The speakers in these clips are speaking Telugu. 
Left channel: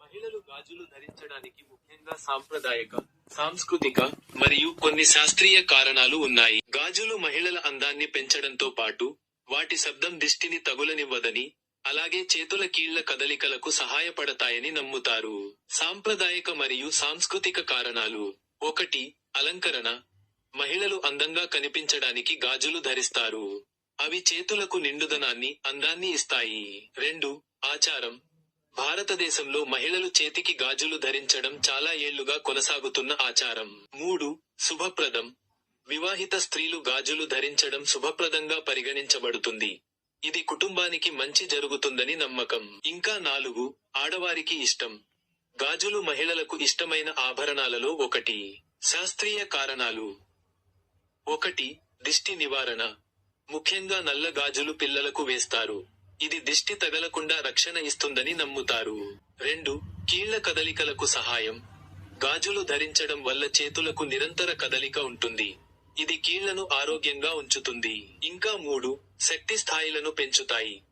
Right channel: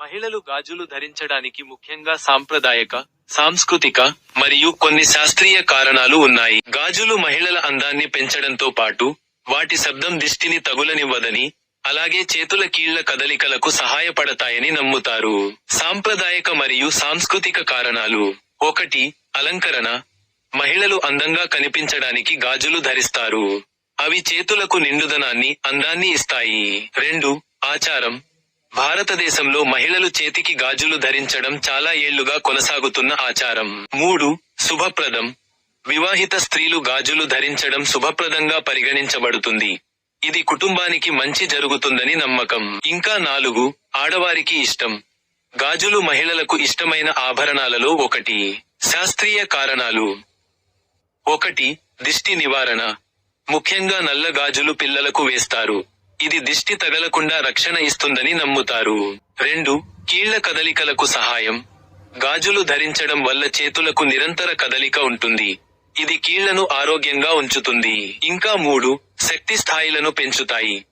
మహిళలు గాజులు ధరించడానికి ముఖ్యంగా సాంప్రదాయక సాంస్కృతిక మరియు కొన్ని శాస్త్రీయ కారణాలు ఉన్నాయి. గాజులు మహిళల అందాన్ని పెంచడంతో పాటు వాటి శబ్దం దిష్టిని తగులనివ్వదని అలాగే చేతుల కీళ్ళ కదలికలకు సహాయపడతాయని నమ్ముతారు. సాంప్రదాయక మరియు సాంస్కృతిక కారణాలు ఒకటి అలంకరణ. మహిళలు అందంగా కనిపించడానికి గాజులు ధరిస్తారు. అవి చేతులకు నిండుదనాన్ని అందాన్ని ఇస్తాయి. రెండు ఆచారం. భారతదేశంలో మహిళలు చేతికి గాజులు ధరించడం చాలా ఏళ్ళుగా కొనసాగుతున్న ఆచారం. మూడు శుభప్రదం. వివాహిత స్త్రీలు గాజులు ధరించడం శుభప్రదంగా పరిగణించబడుతుంది. ఇది కుటుంబానికి మంచి జరుగుతుందని నమ్మకం. ఇంకా నాలుగు ఆడవారికి ఇష్టం. గాజులు మహిళలకు ఇష్టమైన ఆభరణాలలో ఒకటి. శాస్త్రీయ కారణాలు. ఒకటి దిష్టి నివారణ. ముఖ్యంగా నల్ల గాజులు పిల్లలకు వేస్తారు. ఇది దిష్టి తగలకుండా రక్షణ ఇస్తుందని నమ్ముతారు. రెండు కీళ్ళ కదలికలకు సహాయం. గాజులు ధరించడం వల్ల చేతులకు నిరంతర కదలిక ఉంటుంది. ఇది కీళ్ళను ఆరోగ్యంగా ఉంచుతుంది. ఇంకా మూడు శక్తి స్థాయిలను పెంచుతాయి.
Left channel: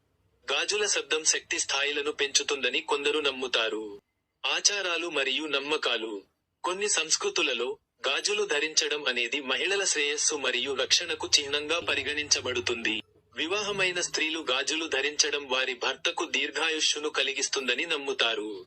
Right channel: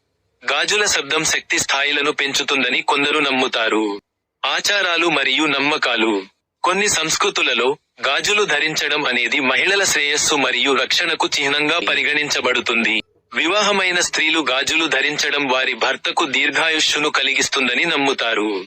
గాజుల శబ్దం శక్తి స్థాయిలను పెంచుతుందని కొందరు నమ్ముతారు. ఆచారాలు మరియు నమ్మకాలు. కొన్ని సంస్కృతులలో గాజులు ధరించడం అనేది మహిళల శ్రేయస్సు మరియు రక్షణకు చిహ్నంగా పరిగణించబడుతుంది. వివాహమైన స్త్రీలు గాజులు ధరించడం వారి భర్తకు దీర్ఘాయుష్యును కలిగిస్తుందని నమ్ముతారు.